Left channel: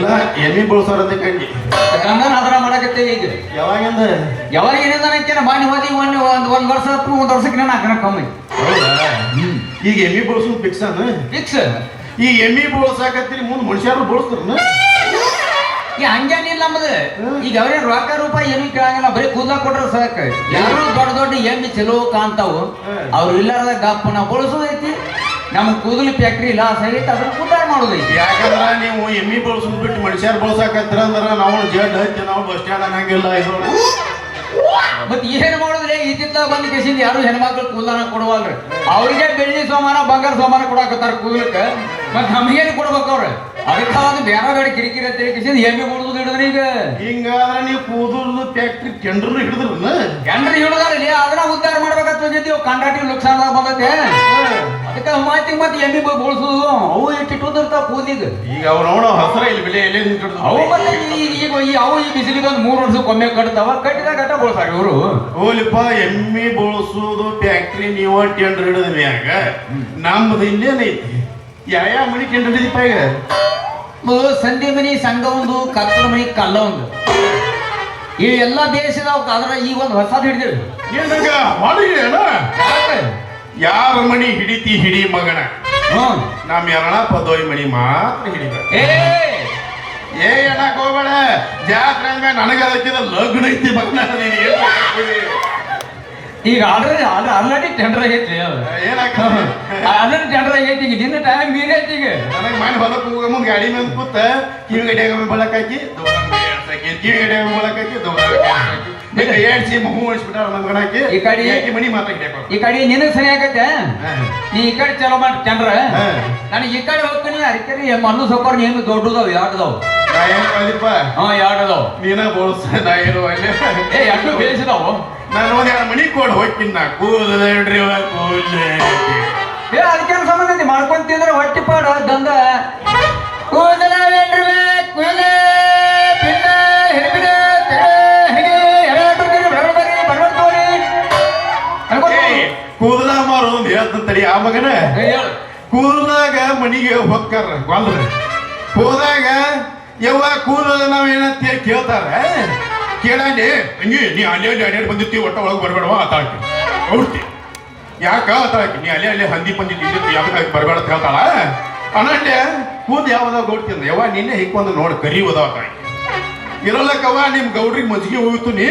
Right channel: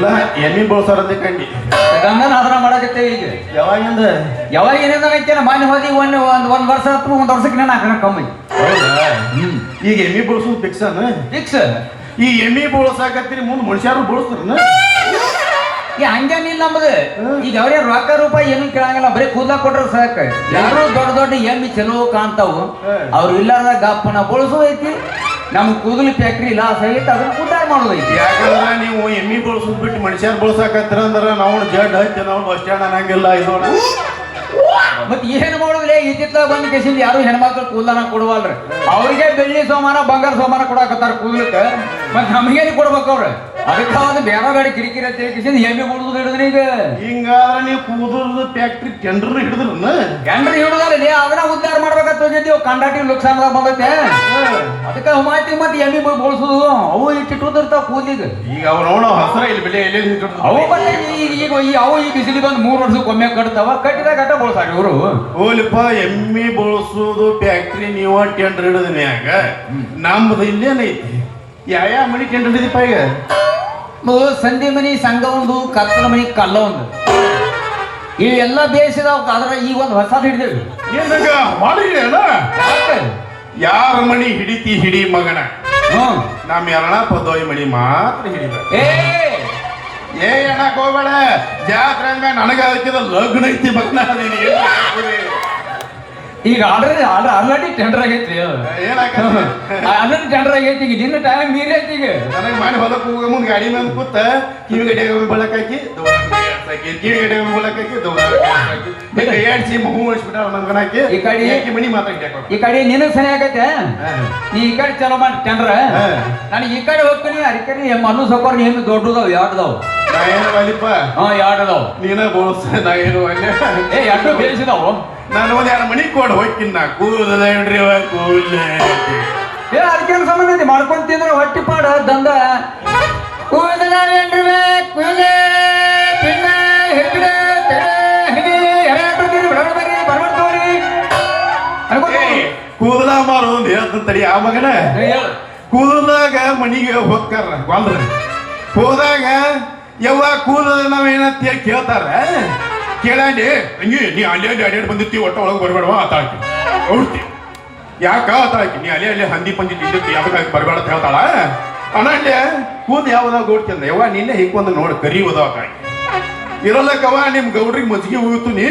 ಇಲ್ಲ ಎಮ್ಮಿ ಬೋಳ್ಸಾರಂತೆ ಕಂಡಿ ಡಂಗರ್ ಆಧಾರ ಮಾಡಕತ್ತೇವೆ ಈಗ. ಯಾವಾಗಿಂದ ಯಾವಾಗಿನಿಂದ ಹಾಕ್ಯಾನ ಮಾಡಿ ಹೋದಿ ಒಂದ್ ವರ್ಷ ಹತ್ತು ಒಂದ್ ವರ್ಷಕ್ಕೆ ನಾನು ಹಾಕೋಣ ಕಮ್ಮಿ. ಈಗ ಎಮ್ಮಿ ಬೋಳ್ಸೋದು ಫಿಕ್ಸನ್ ಫಿಕ್ಸ್. ಈ ಎಮ್ಮಿ ಬೋಳ್ಸಾಕತ್ತೀರಿ ಮುಂದ್ ಮನುಷ್ಯರು ಬೋಳ್ಸ್ತಾರನ ಈ ಹಂಗೇನಿಲ್ಲ ನಮ್ದು. ಈಗ ಅವ್ರೇ ರೊಕ್ಕ ರೂಪಾಯಿ ಏನು ಕೇಳಂಗಿಲ್ಲ, ಬರೀ ಕೂದಲ ಕೊಟ್ರ ಸಾಕ. ಎಲ್ಲರೂ ದೊಡ್ಡ ದೊಡ್ಡ ಎಮ್ಮಿ ಚಲೋ ಕಾಣ್ತಾವು, ಅವ್ರು ಇಲ್ಲಾರ್ದ ಗಪ್ಪನ ಬಳಸೋದೈತಿ. ನಮ್ ಕೂದಲು ಫ್ಯಾಕ್ಟ್ರಿ ಲಾಸ್ ಆಗೈತಿ, ಅದನ್ನ ಉದ್ದಾರ ಮಾಡೋದೈತಿ. ಯಾಕಂದ್ರ ನೀವು ಎಮ್ಮಿ ಬೋಳ್ಸೋದ್ ಬಿಟ್ಟು ಮನುಷ್ಯರು ಬೋಳ್ಸಾಕತ್ತೀರ ಅಂದ್ರ ನಾವು ಜಡ್ ಹತ್ತಿ ನಾವು ಬಸ್ ಸ್ಟ್ಯಾಂಡ್ ಅನ್ನಂಗಿಲ್ಲ. ಇದು ಮತ್ ಏನ್ ಮಾಡೋದ್ರಿ, ಇತ್ತಿತ್ತ ಬಂದ್ ಕೇಸಿಂದ ಯಾರು ಹೆಣ್ಮಕ್ಳು ಕೂದಲನ ಕೊಡುವಲ್ರಿ. ಅವ್ರಿಗೆ ಬೆಳ್ಳಿ ಸೋಮಾನ ಬಂಗಾರ ಸೋಮಾನ ಕೊಡಾಕತ್ತಾರ ಕೂದಲಕ್ಕ, ಮತ್ ನಮಗೇನು ಕೊಡ್ಬೇಕು ಅವ್ರ? ಅದಕ್ಕೆ ಒಂದು ಬೇರೆ ಗಾಡಿ ಕಿರಿಕಿರಿ ಅಂತ ಕೇಸಿಂದ ಎಮ್ಮಿ ಕೊಡುದು ಹಿಡಿದ್ರಿ. ಈಗ ಹಿಂಗಾದ್ರ ನೀವು ಕೂದಲು ಫ್ಯಾಕ್ಟ್ರಿ ಟೆಂಡರ್ ಹಿಡಿದ್ರನ ಜನರು ಹಿಡಿದ್ರಿ, ಅದನ್ನ ಉದ್ದಾರ ಮಾಡ್ಬೇಕಂತ ಹೋಗಿದ್ದೀವಿ. ಕಂಡಾಕ್ಟರ್ ಲುಕ್ಸಾನ್ದಾಗ ಬಂದೈತೆ, ಅದಕ್ಕೆ ಮಾತಿ ಮತ್ತೆ ಎಮ್ಮಿ ಬೋಳ್ಸುದು. ಅವು ಇಟ್ಟಿರ್ತಾವ ಕೂದಲಿಗೆ. ಈಗ ಅವ್ ನೋಡ ಹಸರ ಇಲ್ಲಿ ಬೆಲೆ ಎಲ್ಲಿ ಅವು ಈಗ ಅವು ಈ ಬಿಸಿಲಿ ಬಂದು 3 ವರ್ಷಕ್ಕೊಮ್ಮೆ ಕಟ್ತಾವ. ಕಟ್ಟಿದಾಗ ಗಟ್ಟ ಬೋಳ್ಸಾಗ ಇವರು. ಓಲಿಪ್ಪ ಎಮ್ಮಿ ಬೋಳ್ಸುದು ಫ್ಯಾಕ್ಟ್ರಿ ನೀವು ಟೆಂಡರ್ ಹಿಡಿದ ಮ್ಯಾಗ ನಮ್ದು ಇಲ್ಲೇನೈತಿ. ಯಾವ ಮನಿ ಟೆಂಡರ್ ಹಿಡಿದಪ್ಪ ಈಗ? ಸಂಧಿ ಮನಿ ಸಂಘ ಒಂದು, ಕತ್ತಲ ಮನಿ ಕಲ್ಲ ಒಂದು, ಇವೆಲ್ಲ ದೇಶದ ಅದ್ರ ಈಗ ಒಂದು ಹೊಸ ಹಿಡಿದೇವು. ಯಾರ ಮಣಿ ಹಿಡಿತಿ ಹಿಡಿ ಮಗನ, ನಮ್ ಎರಣ ಪದೋಯ್ ಮಣಿ ಮಾತ್ರ ಹಿಡಿಬೇಕು. ಏ ಅನ್ನಕ್ ಹೋಗ್ಬೇಡ, ಜಾತ್ರೆ ನನಗ ಲಗ್ನ ಐತಿ ಮಗನ. ಈಗ ಆಲ್ರೆಡಿ ಟೆಂಡರ್ ಆಗೈತಿ, ಆಲ್ರೆಡಿ ಟೆಂಡರ್ ಆಗೈತಿ. ಈಗ ನಿನ್ನ ಟೈಮ್ ಮೀರಿ ಐತಿ. ಈಗ ನನಗೆ ಮಾಡಿ ಹೊಲಕ್ಕೆ ಹೋಗ ಮುಂದೆ ಗಾಡಿ ಮೇಲೆ ಕೂತ ಕಿವಿ ಗಡಿಯಾಗ ಬಳಕ್ ಹಾಕಿ ಕಿವಿ ಗಡಿಯಾಗ ಬಳಕ್ ಹಾಕಿ ಏಡ್ಸಿ ಮಗು ಮಾಡಿಸ್ಬಿಟ್ಟ ಮಗನಾಕಿ ಈ ಕಡೆ ಮನಿ ಮಾತಾಡಿ. ಈ ಕಡೆ ನಿನಗ್ ಸರಿ ಆಗತ್ತೆ, ನೀ ಈ ಕಡೆ ಚಲೋ ಮಾಡಿ ಟೆಂಡರ್. ನನಗೆ ಈ ಕಡೆ ಹೋಗ್ತೀನಿ. ಅದಕ್ಕೆ ಮನು ಸೊಕ್ಕೋರ್ ಏನು ದೊಡ್ಡದಾವ್ ಎರಡ್ದಾವ್. ಎರಡ್ದಾವ್ ನೀನ ಬೋಳ್ಸ ನಾ ಏನು ಎರಡು ಬೇಯಿಸಿದಾವು. ನಾನು ಒಂದ್ 2 ಮನಿ ಕೊಡ್ ಹೋಗ್ತೀನಿ. ನಾ ಕೂದ್ರಿ ಅದಕ್ಕೆ ಸಂಬಂಧ ಮಾಡ್ಕೊಂತಿದ್ರ ಹೊಟ್ಟಿ ಪಾಡ ದಂದ ಕೂದಲ ಕೂದಲ ಮಾರು ಒಂದ್ ಹೇಳ್ತಂತರಿ. ಆ ಮಗನ ಕೂದಲಾಗ ಮನಿಗೆ ಹೋಗ್ತಾರ ಹೋದಾಗ ಯವ್ವ ಕೂದಲ ನಾವ್ ಏನಂತ ಕೇಳ್ತಾರ. ಕೇಳಂಡಿ ಹಂಗಿ ನೀ ಅಲ್ಲಿ ಅಡ್ಯಾಡ್ ಬಂದಿರ್ತಿ, ಒಟ್ಟ ಒಳಗೆ ಬರಬೇಡ ಆತಾಳ್ತಿ ಅವ್ತಿ. ಯಾಕ ಆತಾಳಕಿ ನೀ ಅಲ್ಲೇ ಹಂದಿ ಪಂದಿ ಯಾವಾಗ ಬರಬೇಡ ಅಂತ ಹೇಳ್ತಾಳ. ಅಣ್ಣಂಡೆ ಕೂದ್ ಯಾವಾಗ ಓಡ್ತಿಂದ ಯವ್ವ ನಿನ್ನೆ ಹಿಕ್ಕೊಂದು ನೋಡಿ ಕರಿಯೋದು ಆತಾಕಿ ಇರಲ್ಲಕ್ಕವ. ನಿಮ್ ಗೌಡ್ರಿಗೆ ಮಜ್ಜಿಗೆ ಹೋಗ್ತು, ನೀ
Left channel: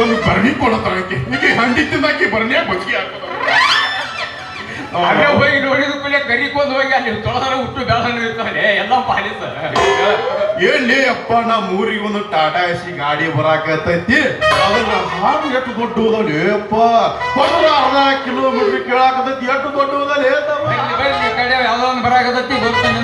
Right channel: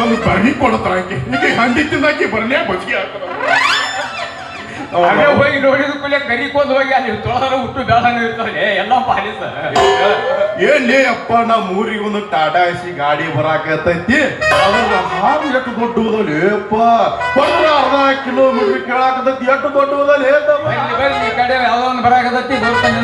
ಒಂದು ಬರ್ನಿ ಕೊಡತ್ತಾಳಕಿ. ಈಗ ಹಂದಿ ತಿಂದಾಕಿ ಬರ್ನೇ ಮಜ್ಜಿಗೆ ಹೋಗಿ ನೋಡಿದ ಕೂಡಲೇ ಕರಿಕೊಂಡ್ ಹೋಗಿ ಅಲ್ಲಿ ತೊಳೆದಾರ ಹುಟ್ಟು ಬೇಡಾನ ಇರ್ತಾನೆ ಎಲ್ಲ ಪಾಲಿಸ. ಏನ್ಲೇ ಅಪ್ಪ ನಮ್ಮ ಊರಿಗೆ ಒಂದು ಟಾಟಾ ಎಸಿ ಗಾಡಿ ಬರಾಕತ್ತೈತಿ. ಅದ್ರಲ್ಲ ಹಾವು ಎಷ್ಟು ದೊಡ್ಡ ಹೋದವ್ಲಿ ಅಪ್ಪ, 10 ಕಿಲೋಮೀಟರ್ ಕೇಳಾಕತ್ತೈತಿ. ಎಷ್ಟು ದೊಡ್ಡ ಹೋದಲ್ಲ ಈ ಕಡೆ ಯಾವ್ದೊಂದು ಬರಾಕತ್ತೈತಿ ಗೊತ್ತಾನೆ.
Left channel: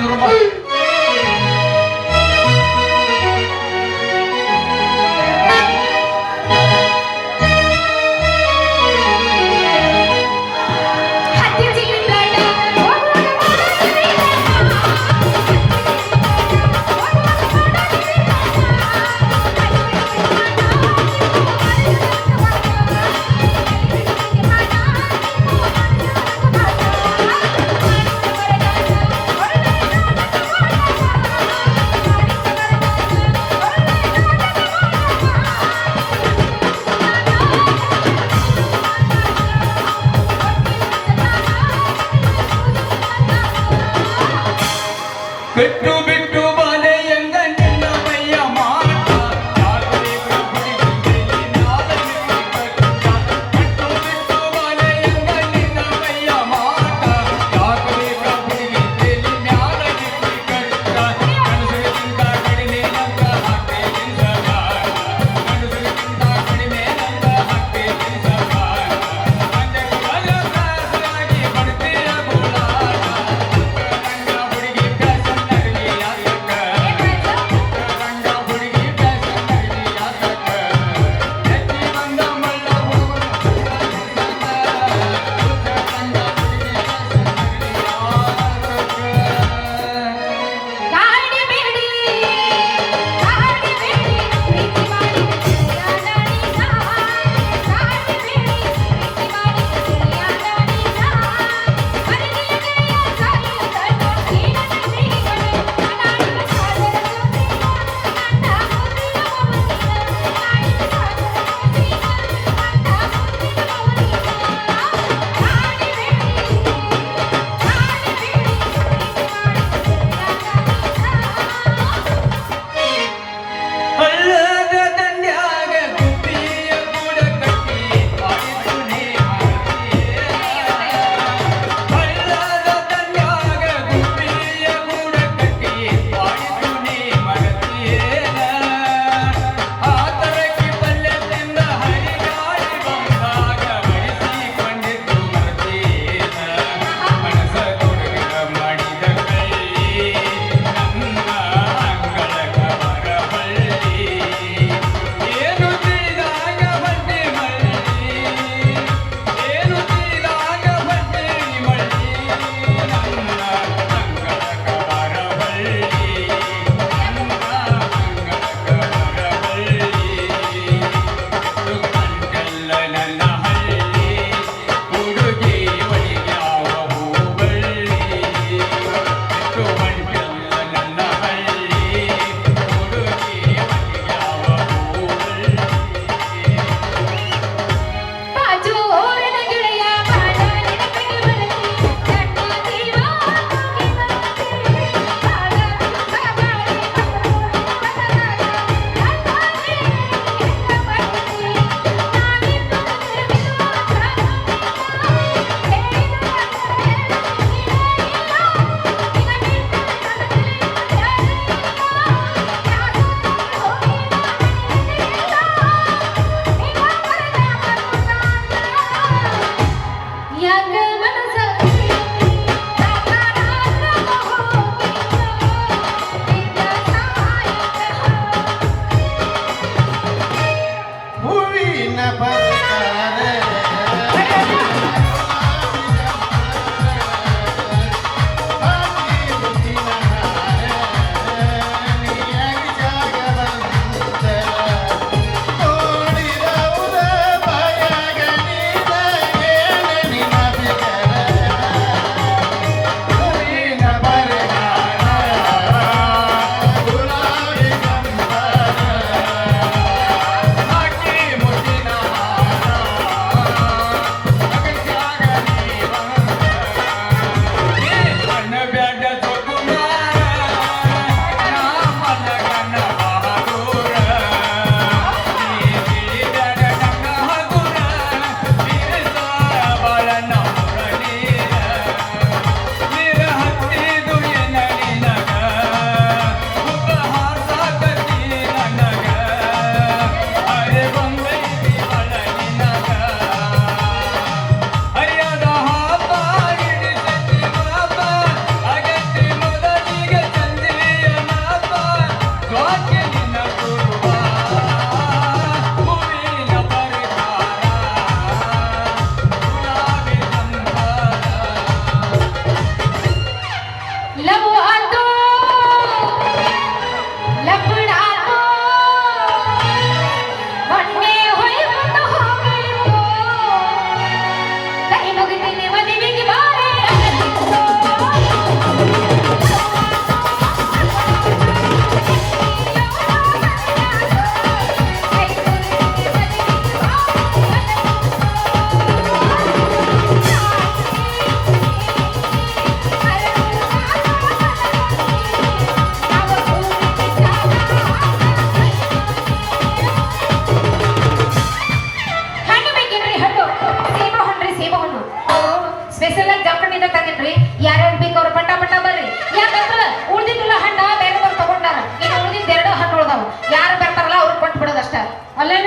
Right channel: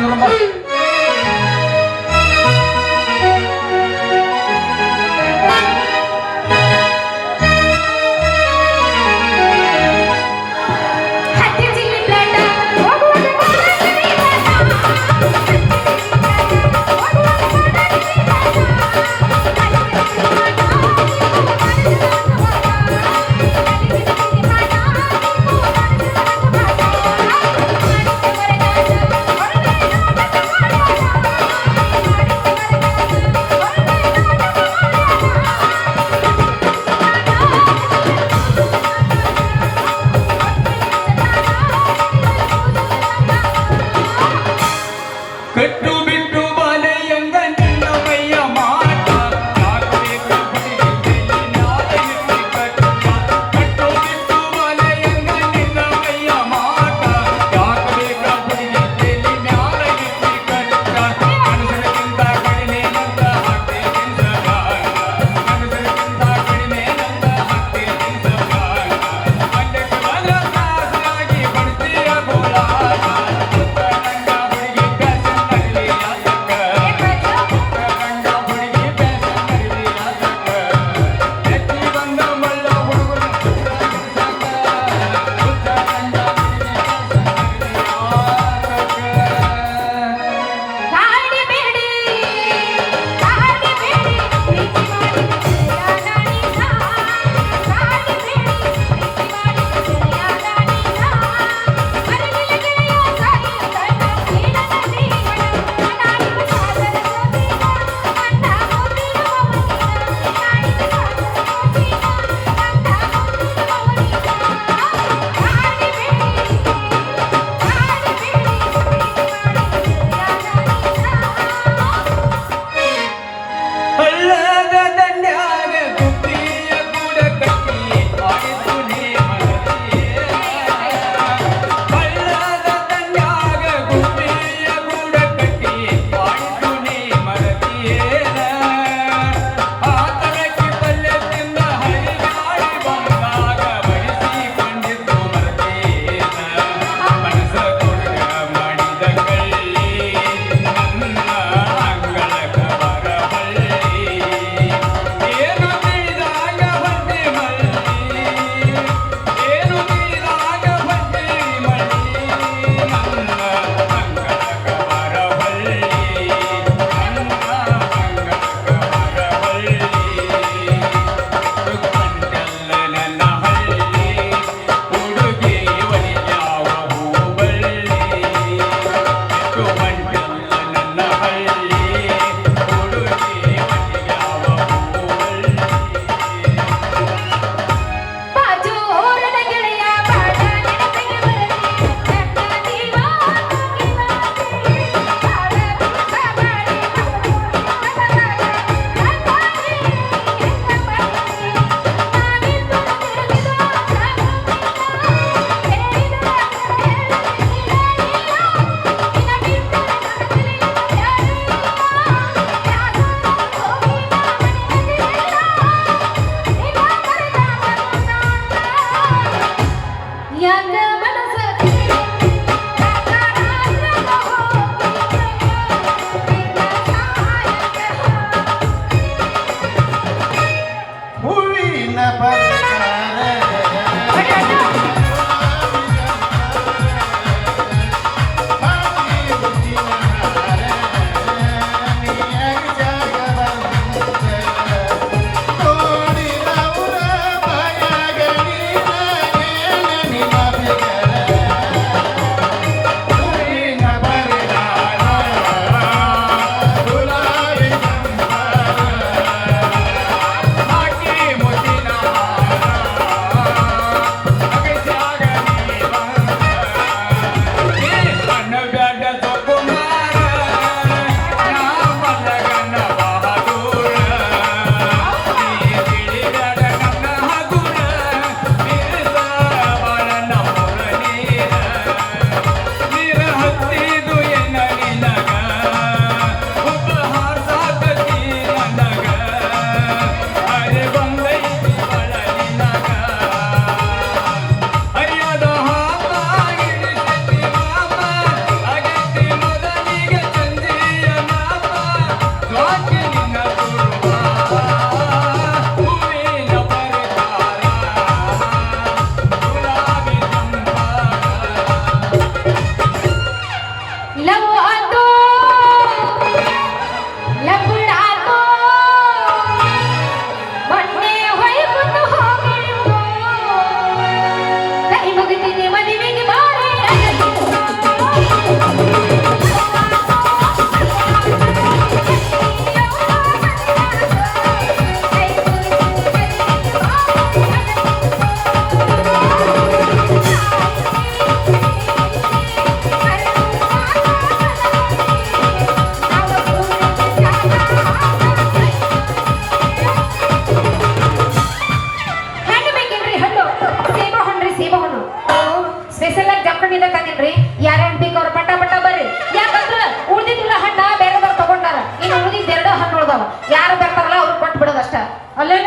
ಯಾರು ಬರ್ತಾರಲ್ಲ ಅವ್ರು ಕೊಟ್ಟು ಬಿಡೋದು ಅಷ್ಟ ಅಲ್ಲೇ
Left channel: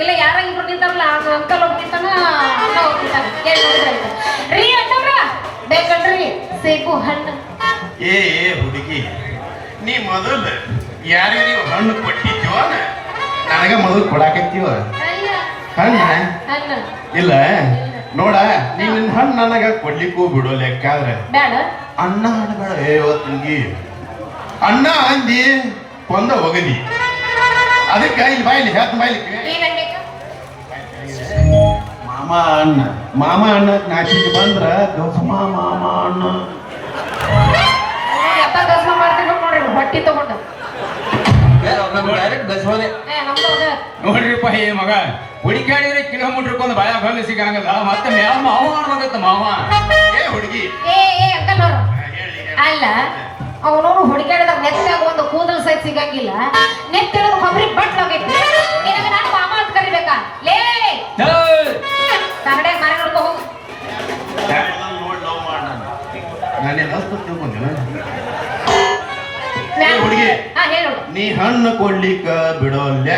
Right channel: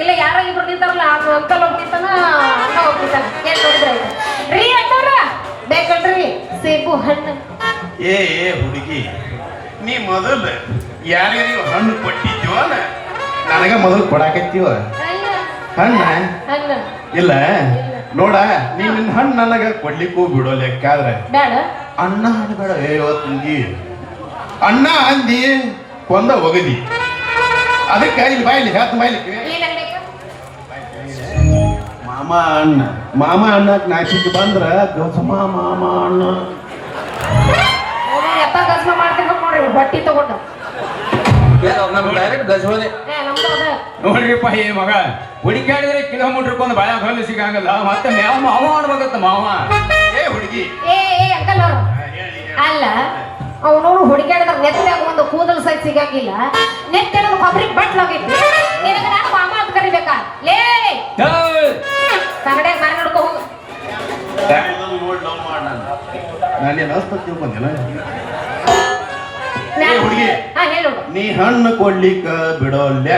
ಇಲ್ಲ ಯಾರ ಇಬ್ರು ನಿಂತಾರಲ್ಲ ಅಂಕಲ್ ಒಬ್ಬ ನಿಂತಾನ ಅಣ್ಣ ಒಬ್ಬ ನಿಂತಾನ ರೀ ಅಣ್ಣವ್ರ ಬೇಕಲ್ರಿ ಸೇಬು ಹಣ್ಣು ಏ ಹುಡುಗಿ ನೀ ಮೊದಲು ಯಾರ್ಯಾರು ಹಣ್ಣು ಕೊಟ್ಟಿದ್ಯೋ ನನಗ ಮೊದಲು ಕೊಡಾಕತ್ತೀವ ಹಣ್ಣ ಹಣ್ಣು ಇಲ್ಲ ನೋಡ ನೀನ್ ನಿನ್ ಹಣ್ಣು ನನಗ ಕೊಡ್ಲಿಕ್ಕೂ ಬಿಡೋ ಲೆಕ್ಕಾದ್ರೆ ಬೇಡ ಅಣ್ಣ ಹಣ್ಣು ಬೇಡ ಹುಡುಗಿ ಅಣ್ಣ ಅಂದಿ ಕೊಂದ ಒಗದಿ ಅದಕ್ಕೆ ಇಲ್ಲಿ ಬಾಯಿಲಿ ಹೇಳ್ತ ಬಾಯಿಲಿ ಮಾಮ ಅಣ್ಣಕ್ ನಾಚಿಕ್ ಬಂದ್ರ ಗಸಮ ಮಾಮ ಅಣ್ಣ ಬಟ್ಟಿ ತಗೊಂಡ ನೋಡ್ರಿಪ್ಪ ಈ ಮಗ ಹುಡುಕಾಡಿದ್ರೆ ಕಿಲೋಮೀಟರ್ ಒಂದು ಬಾಯ ಬಂದು ಸಿಗಂಗಲ್ಲ ಮತ್ತೆ ಮ್ಯಾವ ಮಾವ ಮಾಡ್ಬೇಕತ್ತ ಮಾವ ಹುಡುಗಿ ಅಂಕಲ್ ನೋಡು ಅಲ್ಲ ಅವನು ಹುಡುಕಾಡಿದ ನೆತ್ತಾಗ ಒಂದು ಕೂದಲು ಸಹ ಸಿಗಂಗಿಲ್ಲ ನೆತ್ತಿನ ಕೊಬ್ಬರಿ ಬಟ್ಲಾಗೈತಿ ನಿನಗೆ ನಾನು ಮಾಮ ಅಂತ ಕರಿಬೇಕಾ ಲೇ ಕನ್ನಡ ಬಾರಿ ನೋಡ್ಕೋ ಹೋಗು ಹುಡುಗಿ ಹೇಳು ನೀ ಹಣ್ಣು ಕೊಡ್ಲಿಕ್ಕ ಬಿಡೋಲ್ಯ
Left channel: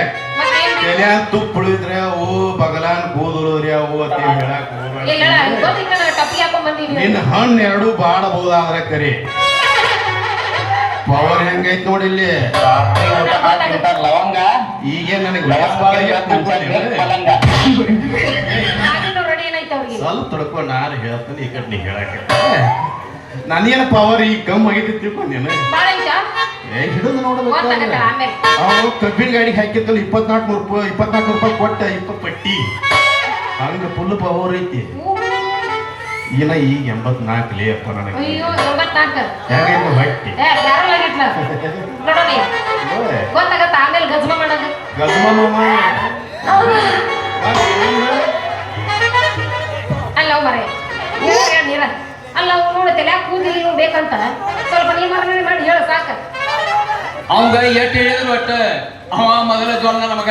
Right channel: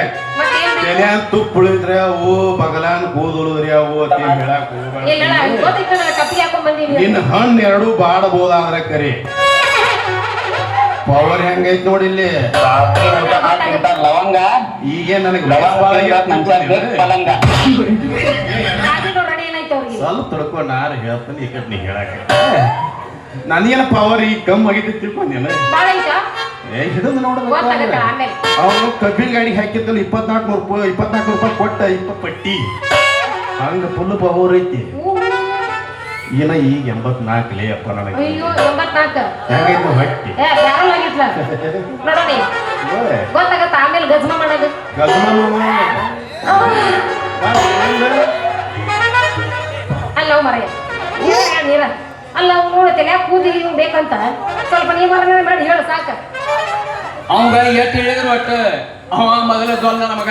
ತಲೆ ತುಪ್ಪಳಿದ್ರೆ ಅವು ಬಗಲಾನ್ ಕೂದಲುದ್ರಿ ಅವು ಅಂತ ಹೇಳಕ್ ನಿನ್ನ ಹಣ್ಣು ಎರಡು ಬಾಡಬಹುದಾದ್ರೆ ಕರಿ ಪವರ್ ಹೆಂಗೈತ್ ನೋಡಿಲ್ಲಿ ಈಗ ನನಗೆ ಸ್ವಲ್ಪ ತಿಳ್ಕೊ ನಾನು ಹೇಳ್ತೀನಿ ಈ ಕಡೆ ನೀ ಹೇಳಕ್ಕೆ ನನಗೇನು ಪವರ್ ಈಗ ಕಮ್ಮಿ ಆಗೈತಿ ತಿಳ್ಕೊಂಡಿಲ್ಲ ಹಿಡಿದು ನೋಡ್ಬೇಕು ಕಬ್ಬಿನ ಗಾಡಿಗೆ ಹಾಕಿದ್ದಲ್ಲ 24 ರೂಪಾಯಿ ಕೊಟ್ಟ 20 ಪಟ್ಟಿ ಹಂಗ ಫುಲ್ ಪವರ್ ಐತಿ ಏನ ಈಗ 84 ಲೇ ಅಪ್ಪ ನನಗೆ ಹೆಂಗೈತಿ ಹೊಟ್ಟಿ ಅಲ್ಲ ನೋಡತಿಲ್ಲ ಕೂದಲಿ ಬೇಕಂತ ಸ್ವಲ್ಪ ನೀವು ಮಾಡಿ ಹೇಳು ಸಾಕ ಅವಂಗ ಎಷ್ಟು ಹೇಳಿದ್ರು ಒಟ್ಟ ಅವ ಮೊದಲ ದ್ವಂದ ನಮಗ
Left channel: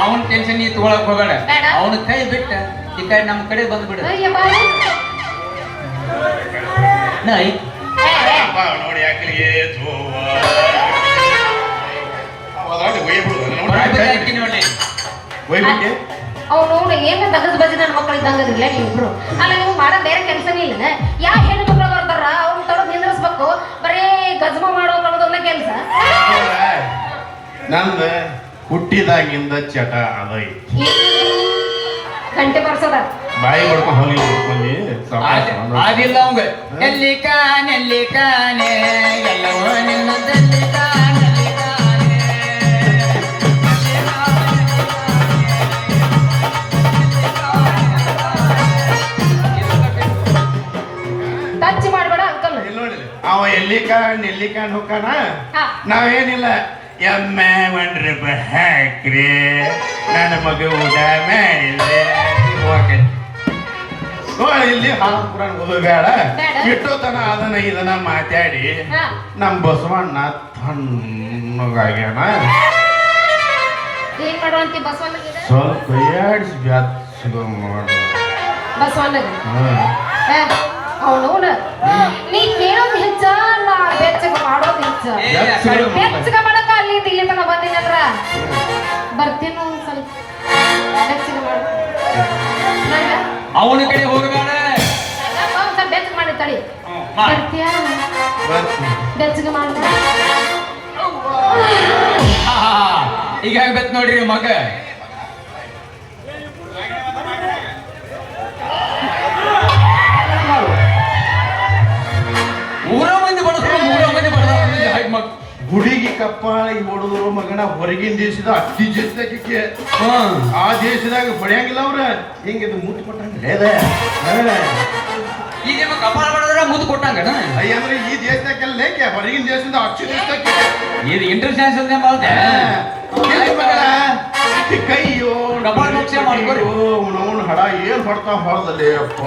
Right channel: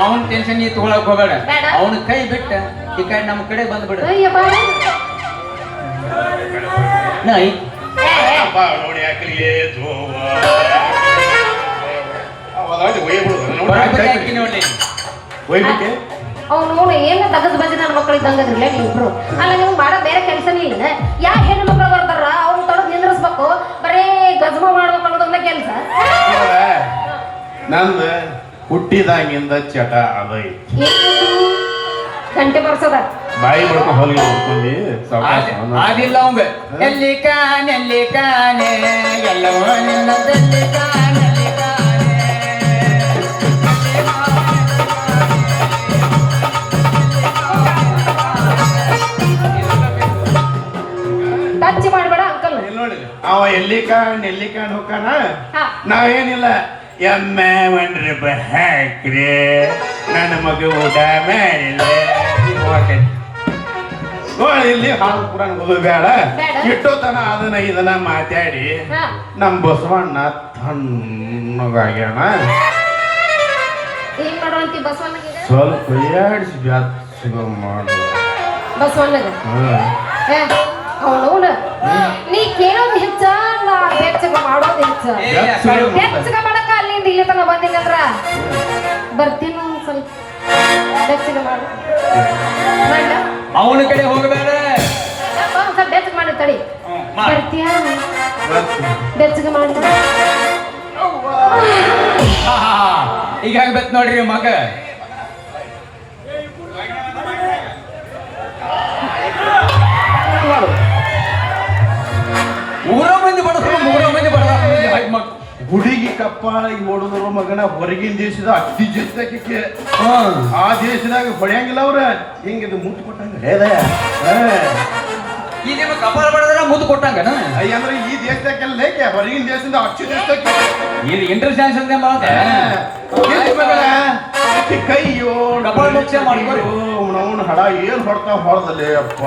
ಅವನ್ ಟೆನ್ಷನ್ ನೀ ತಗೊಳಕ್ ಹೋಗಬೇಡ ಅವನ ಕೈ ಬಿಟ್ಟ ಈ ಕಡೆ ನಮ್ಮ ಕಡೆ ಬಂದ್ಬಿಡ ನೋಡಿ ಯಾಕೆ ಅವ್ನು ಏನ ತಗದ್ ಬಜಿ ನನ್ನ ಮಕ್ಕಳು ಇದ್ದಂಗದ್ರಲ್ಲ ನೀವಿಬ್ರು ಅಲ್ಲ ನಿಮ್ಗೆ ಮಾಡೋ ಬೇರೆ ಕೆಲಸನೇ ಇಲ್ಲ ಯಾಕೆ ಹೆಣ್ಣು ಮಕ್ಕಳು ಬರ್ತಾರ ಅವ್ರು ತೊಡೆದು ನಿಂದ್ರಿಸ್ಬೇಕು ಬರೀ ಗಜಮ ಮಾಡ್ಬೇಕು ಅನ್ನೋದನ್ನ ಕೆಲಸ ನಂದು ಹುಟ್ಟಿದಾಗಿಂದ ಚಟ ಅದೈತಿ ಗಂಟೆ ಬರ್ಸದ ಬಾಯಿ ಬಡ್ಕ ಹೋಗಿ ಅದಿಲ್ಲ ಅವಂಗ ಎಲ್ಲಿ ಕಾನೆ ಎಲ್ಲವೋ ನಿನ್ನದಲ್ಲಿ ಟಚ್ ಮಾಡಬೇಡ ಅಂಕಲ್ ನೋಡಿ ಅವ ಎಲ್ಲಿ ಕಾಣ್ ಹೋಗಾನ ನಾವೇನಿಲ್ಲ ಎಮ್ಮೆ 1 ರೂಪಾಯಿ ಹಾಕ್ರಿ ನನ್ನ ಮಗ ಊಟ ಮಾಡಿಲ್ಲ ನೋಡಿ ಇಲ್ಲಿ ಪುರಾಣ ಓದೋ ಬೇಡ ಇಟ್ಟೋತನ ಅದನ್ನ ಇದನ್ನ ಮಾತಾಡಿ ನಮ್ ಬಸವಣ್ಣ ತಣ್ಣಗಾಗ್ಯಾನ ಸ್ವಲ್ಪ ಯಾಡ್ಸಿ ಬ್ಯಾಸ್ಗ ಮಾಡು ಬಸವಣ್ಣಗ ಅವನು ನೀ ಕೇಳೋದು ಹೆಚ್ಚ ಬೆಚ್ಚಗ ಮಾಡೋದು ಹೆಚ್ಚ ಬೆಚ್ಚಗ ಮಾಡಕ ಅಲ್ಲಿಂದ ಇಲ್ಲಿ ತನಕ ಬಂದಿಲ್ಲಂದ್ರ ಬರ್ತೀನಿ ಸ್ವಲ್ಪ ಬೆಚ್ಚಗ ಮಾಡು ಅವನ ಕಡೆ ಹೋಗಬೇಡ ಬೆಚ್ಚಗ ಮಾಡಿ ತಡಿ ಬರ್ತೀಯ ಬೆಚ್ಚಗ ಮಾಡು ಈಗ ಆಗ್ಬೇಕು ನೋಡ್ರಿ ಮಗ ಹುಡುಗಿ ಕಪ್ಪಾಳಿಗೆ ನೋಡಿದ್ರು ಮಗನ ಹೊರಗಿನ ದೇಶದ ಅತಿ ಜೊತೆಗೆ ಆ ದೇಶದಾಗ ಹೊಡೆಯಂಗಿಲ್ಲ ಅವ್ರ ಹಿಂಗಿದು ಮುಟ್ಟು ಕೊಟ್ಟಂಗ ಮುದ್ದು ಕೊಟ್ಟಂಗ ಅಂದ್ರೆ ಈ ದೇಶದಾಗೆಲ್ಲ ಲೇಕೆ ಹೊರಗಿನ ದೇಶದಿಂದ ಅಕ್ಷಿ ದೇಶಕ್ಕೆ ಇದು ಇಂಟರ್ನ್ಯಾಷನಲ್ ಅಂತ ಮಾಡ್ದೆ ಕೈಯೋ ಡಬಲ್ ಲಕ್ಷ ಮಾಡ್ಕೊರಿ ಅವನು ಹಡ ಏನ್ ಹೊಡ್ತಾ ಹೊಡೆದಲೇ ಅಪ್ಪ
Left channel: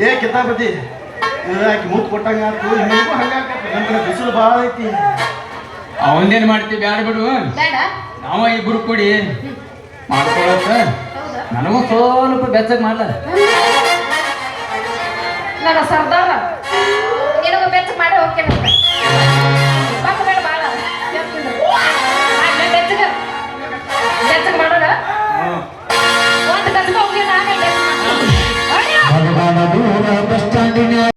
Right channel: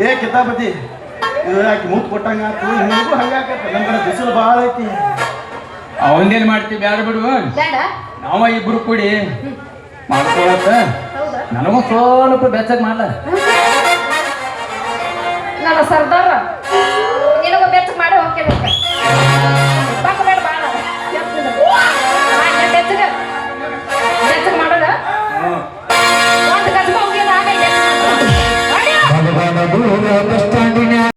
ಏ ಕಿತಾಪತಿ ಯಾಕೆ ಮೂತ್ ಕೊಟ್ಟಂಗ ಹೆಂಗೂ ಹಂಗಾಕೈತಿ ನಮ್ಮ ಕಡೆ ಬಿಸಿಲು ಭಾಳ ಐತಿ ಅವನ್ನೇನ್ ಮಾಡ್ತಿ ಬ್ಯಾಡ ಬಿಡು ನಾವ ಇಬ್ರು ಕೂಡಿ ಮಾಡ್ಕೊಳತ್ತ ನನಗೂ ಸ್ವಲ್ಪ ಬೆಚ್ಚಗ್ ಮಾಡ್ಲ